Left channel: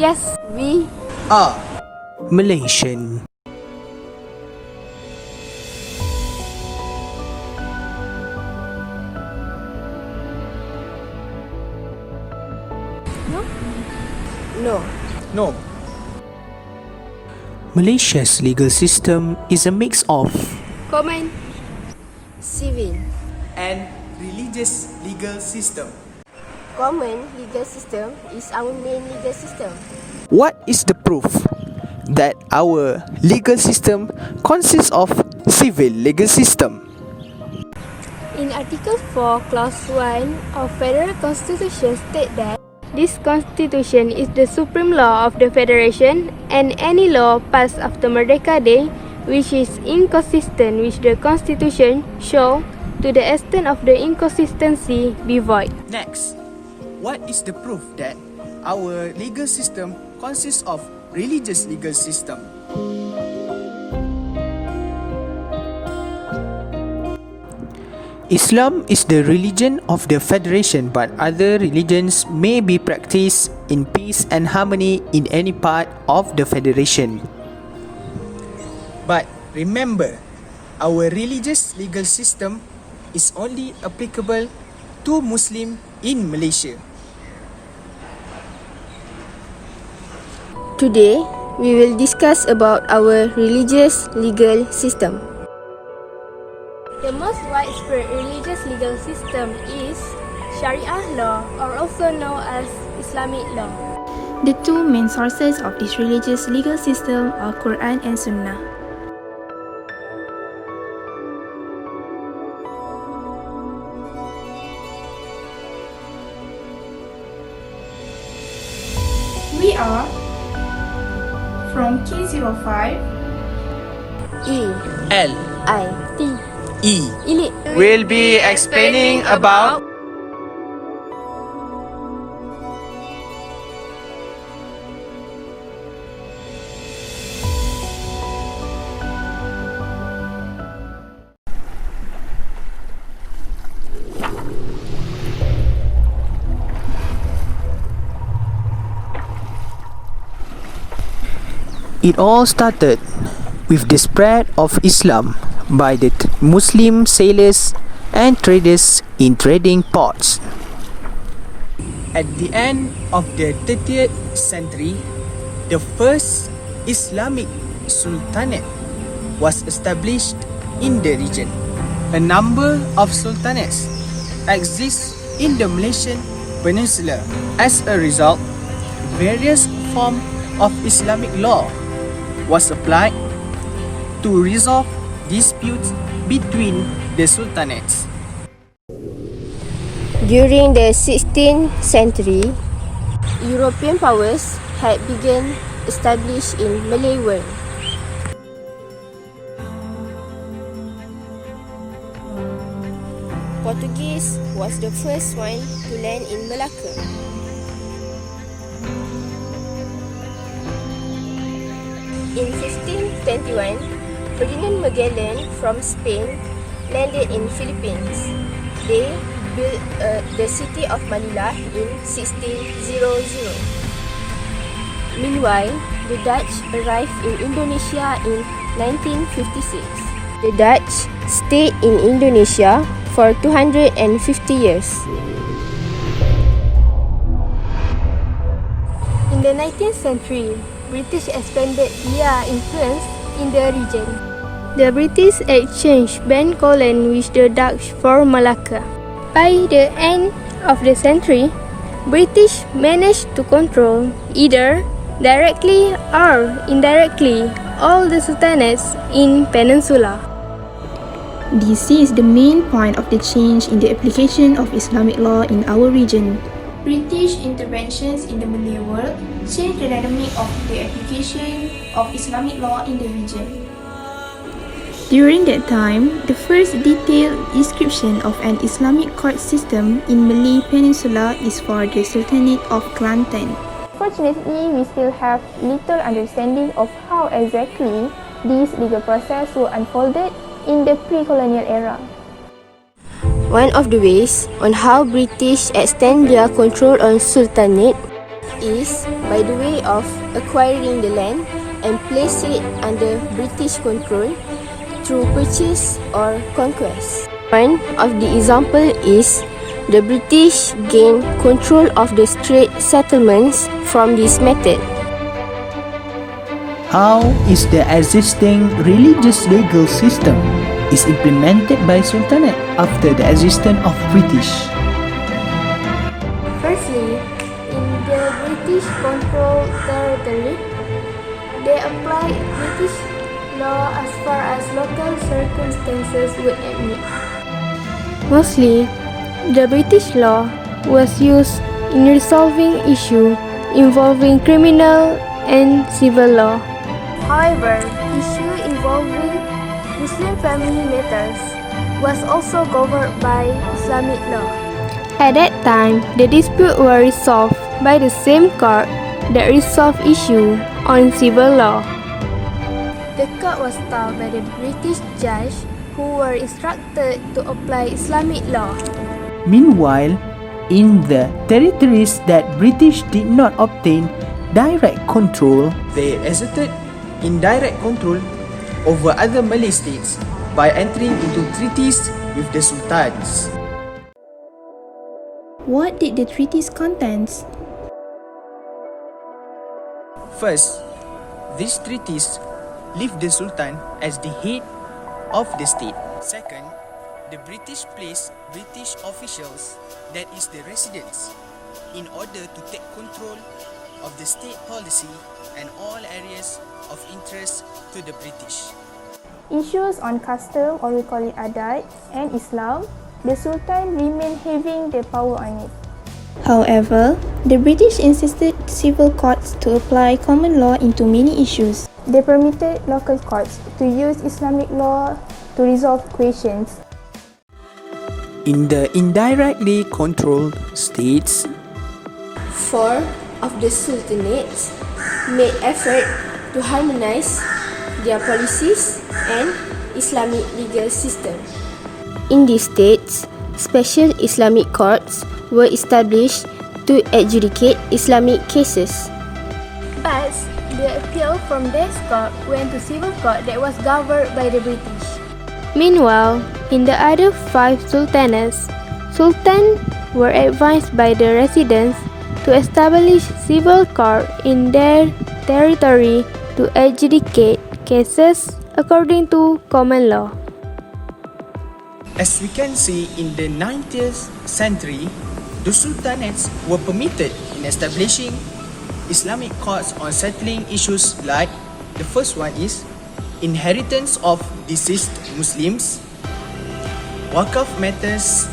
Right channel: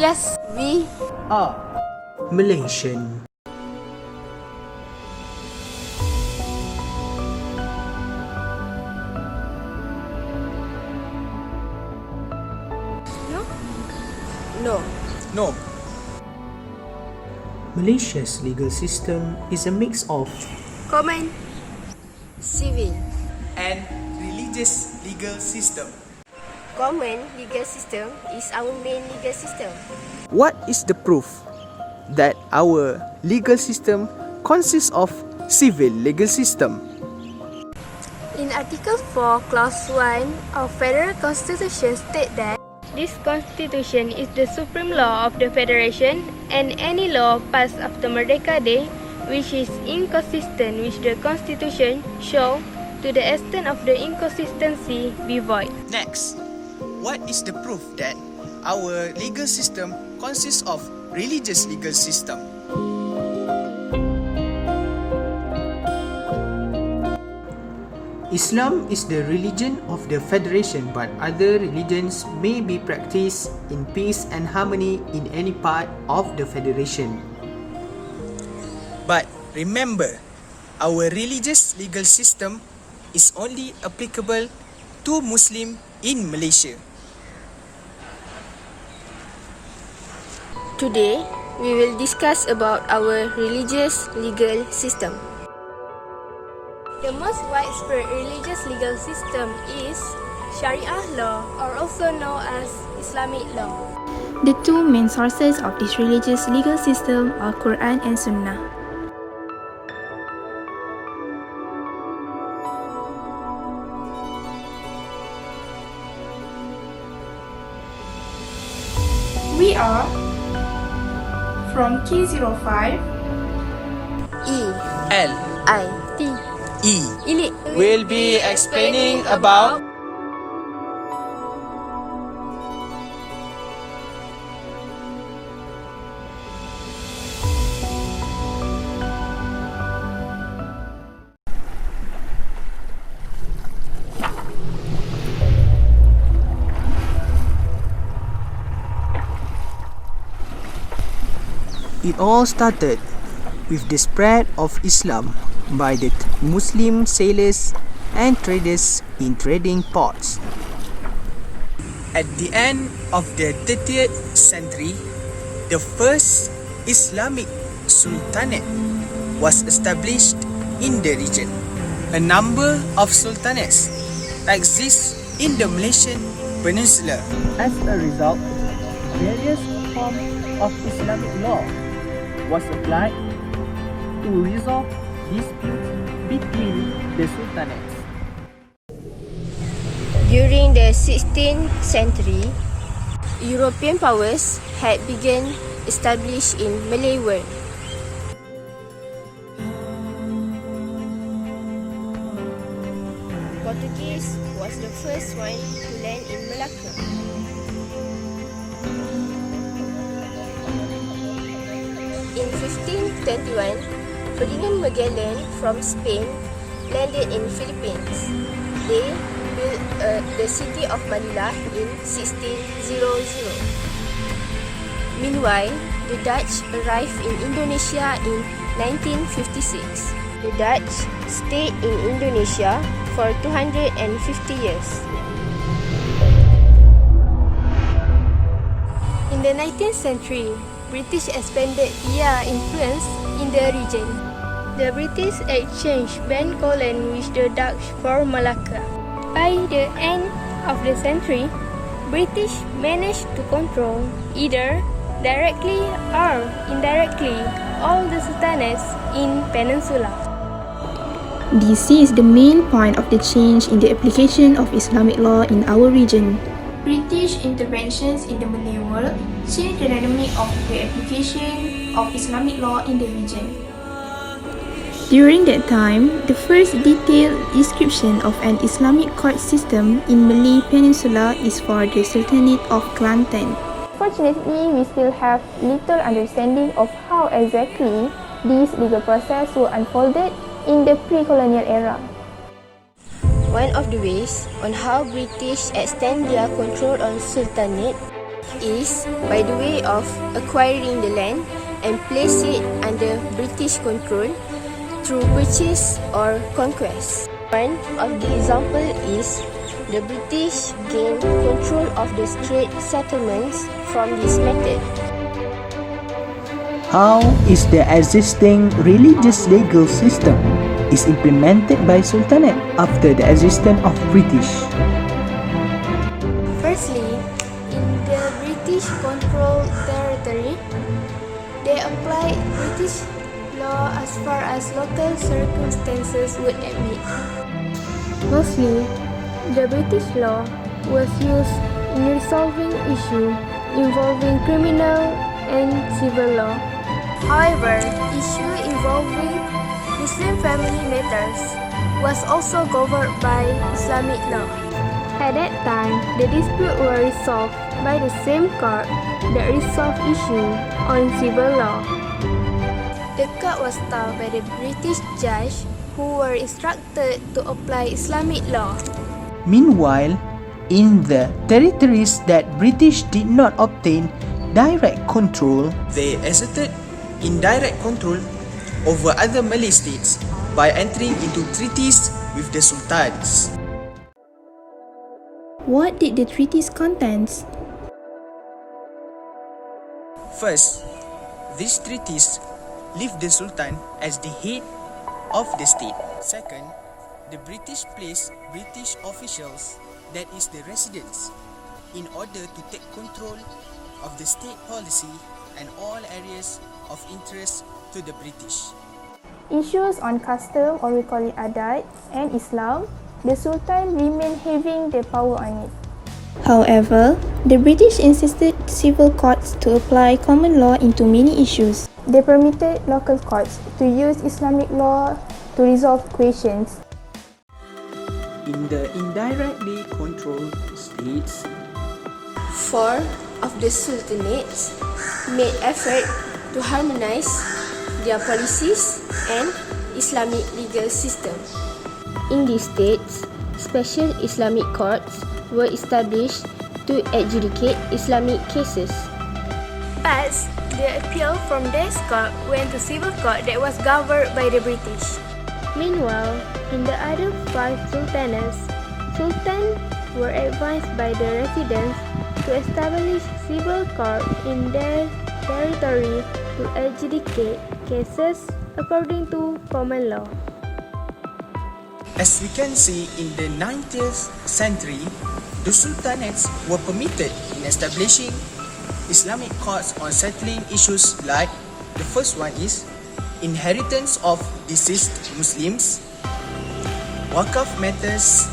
Yes, we are Malaysian. no. no. Malaysia's legal system is a mix of Common, civil. And religious legal system. Common legal system is our main legal system. what is the proof that our legal system consists of civil legal system. In Article 4, Clause 1 of Federal Constitution state that this Constitution is the supreme law of the Federation, and any law passed after Merdeka Day which is inconsistent with the Constitution shall, to the extent of the inconsistency, be void. Next, what is the proof that our legal system consists of religious legal system? Islam is the religion of the Federation, but other religions may be practiced in peace and harmony in any part of the Federation. But remember, our religious legal system is only applicable to Muslim in Malaysia. Today, we will discuss about our religious legal system. The most widespread religious legal system is Sharia law, or also known as Islamic law. The two main sources of this religious legal system are Quran and Sunnah. We are from K05 E, L, I, T. E. Ini We'll be explaining about It all started with the spread of Islam by the Muslim sailors and traders in trading ports. at the end of the 30th century, the first Islamic sultanate was established in the region. A number of sultanates exist in the Malaysian peninsula. As a result, various forms of Islamic law was applied to resolve disputes between the sultanates. During the 16th century, European powers had begun established in Malay world. Portuguese was the first one to land in Malacca. In 1521, Ferdinand Magellan from Spain landed in Philippines. They built the city of Manila in 1600. Meanwhile, the Dutch arrived in Indonesia in 1956. The Dutch stayed in Indonesia for 250 years. In the 19th century, British expanded their influence in the region. The British exchanged Ben Colon with the Dutch for Malacca. By the end of the century, British managed to control, either directly or indirectly, all the sultanates in Peninsula. This is the main point of the change in the application of Islamic law in our region. British interventions in the Malay world changed the dynamic of the application of Islamic law in the region. During that time, the first detailed description of an Islamic court system in Malay Peninsula is for the Sultanate of Kelantan. Fortunately, we still have little understanding of how exactly this legal process was unfolded in the pre-colonial era. One of the ways on how British extend their control on Sultanate is by the way of acquiring the land and place it under British control through purchase or conquest. One of the example is the British gained control of the strait settlements from this method. How is the existing religious legal system is implemented by Sultanate after the existence of British? Firstly, in the British controlled territory, they applied British law as far as local circumstances would admit. Mostly, the British law was used in resolving issues involving criminal and civil law. However, issue involving Muslim family matters was also governed by Islamic law. At that time, the dispute were resolved by the same court that resolved issue on civil law. The court was staffed by the British judge who were instructed to apply Islamic law. Meanwhile, in the territories that British did not obtain direct control, They exerted indirect control over other Malay states by entering into treaties with the sultans. What did the treaties contain? First, these treaties leave the sultan as the head of the state. Second, the British place British officials, that is the residents, in order to take control of the state policy and all areas of interest to the British. Issues on custom, or we call it adat, and Islam, the Sultan remained having the power on it. However, the British insisted civil courts to apply common law into many issues. They permitted local courts to use Islamic law to resolve questions. in the indirectly controlled states, 4 of the sultanates made effort to harmonize their policies and Islamic legal system. In these states, special Islamic courts were established to adjudicate Islamic cases. But the appeal from this court went to civil court that was governed by the British. Meanwhile, in the other 5 sultanates, sultans were advised by the residents to establish civil court in their territory to adjudicate cases according to common law. As we can see, in the 19th century, the sultanates were permitted in establishing Islamic courts on settling issues like the first one is inheritance of deceased Muslims, wakaf matters,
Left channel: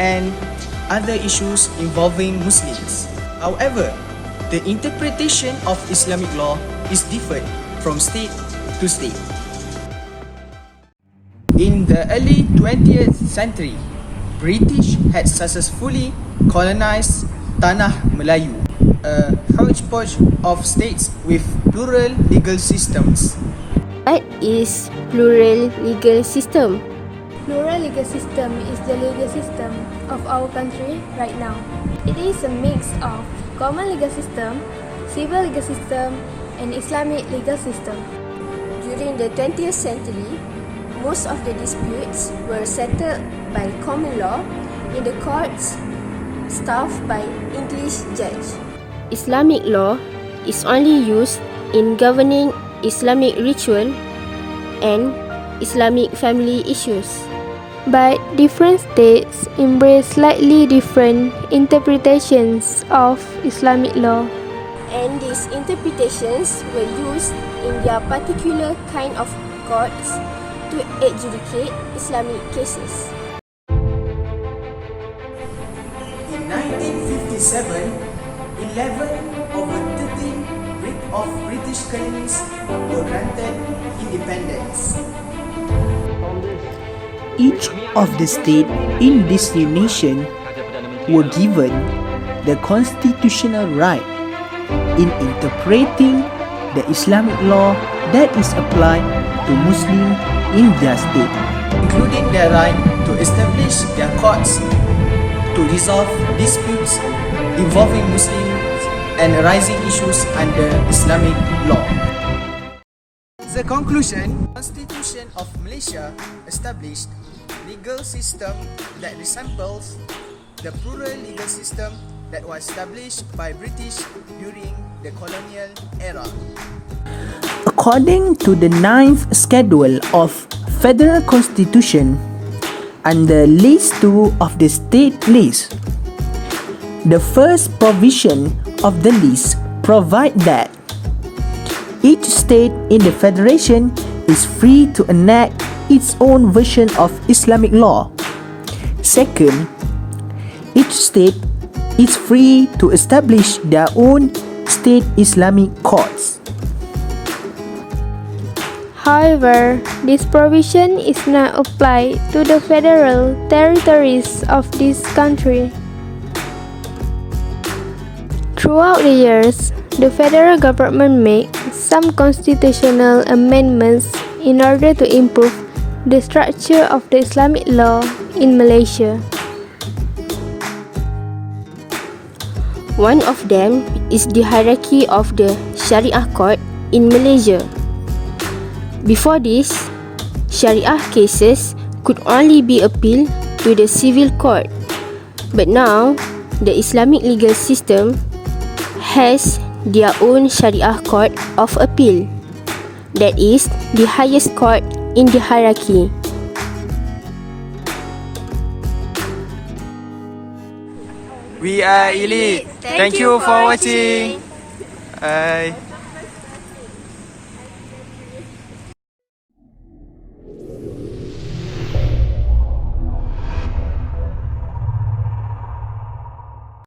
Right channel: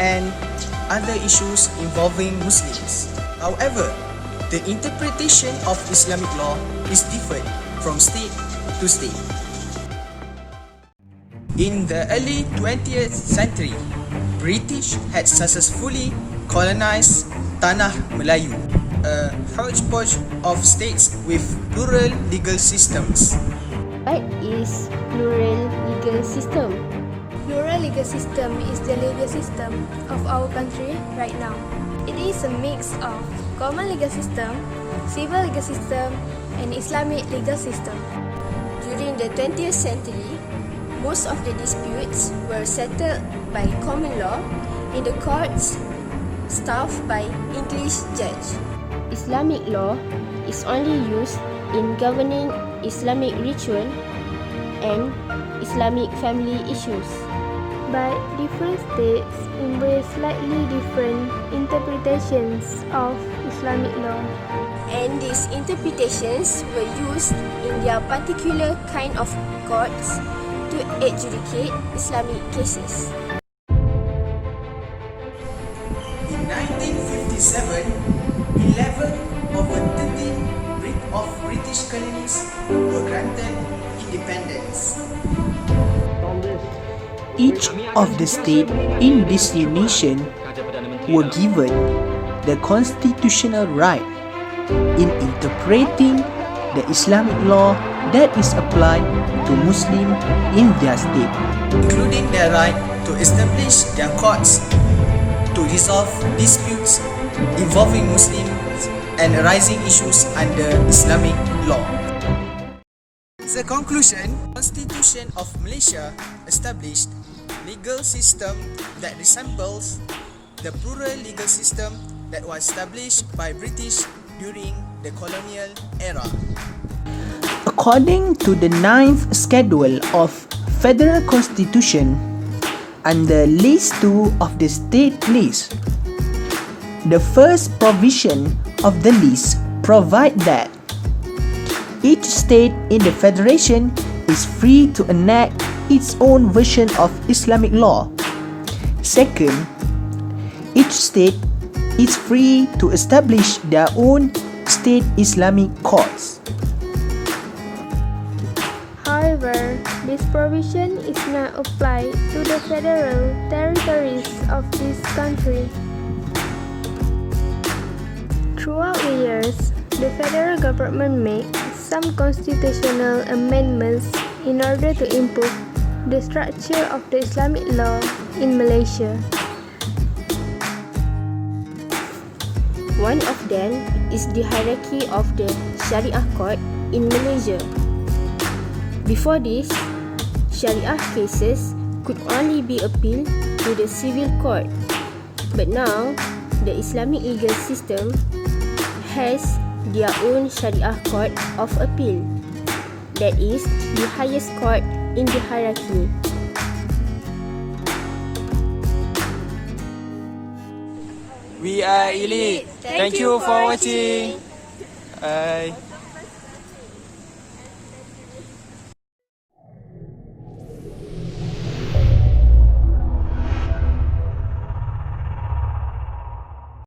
and other issues involving Muslims. However, the interpretation of Islamic law is different from state to state. In the early 20th century, British had successfully colonized Tanah Melayu, a hodgepodge of states with plural legal systems. What is plural legal system? Plural legal system is the legal system of our country right now. It is a mix of common legal system, civil legal system, and Islamic legal system. During the 20th century, most of the disputes were settled by common law in the courts staffed by English judge. Islamic law is only used in governing Islamic ritual and Islamic family issues. But different states embrace slightly different interpretations of Islamic law. And these interpretations were used in their particular kind of courts to adjudicate Islamic cases. In 1957, 11 over 13 of British colonies were granted independence. each of the states in this nation were given the constitutional right in interpreting the Islamic law that is applied to Muslims in their state, including their right to establish their courts to resolve disputes involving Muslim and arising issues under Islamic law. The conclusion, Constitution of Malaysia established legal system that resembles the plural legal system that was established by British during the colonial era. According to the 9th schedule of Federal Constitution, under List 2 of the State List, the first provision of the list provide that each state in the federation is free to enact its own version of Islamic law. Second, each state is free to establish their own state Islamic courts. However, this provision is not applied to the federal territories of this country. Throughout the years, the federal government made some constitutional amendments in order to improve the structure of the Islamic law in Malaysia. One of them is the hierarchy of the Sharia court in Malaysia. Before this, Sharia cases could only be appealed to the civil court. But now, the Islamic legal system has their own Sharia court of appeal. That is the highest court in the hierarchy. We are elite. Thank you for watching. Bye.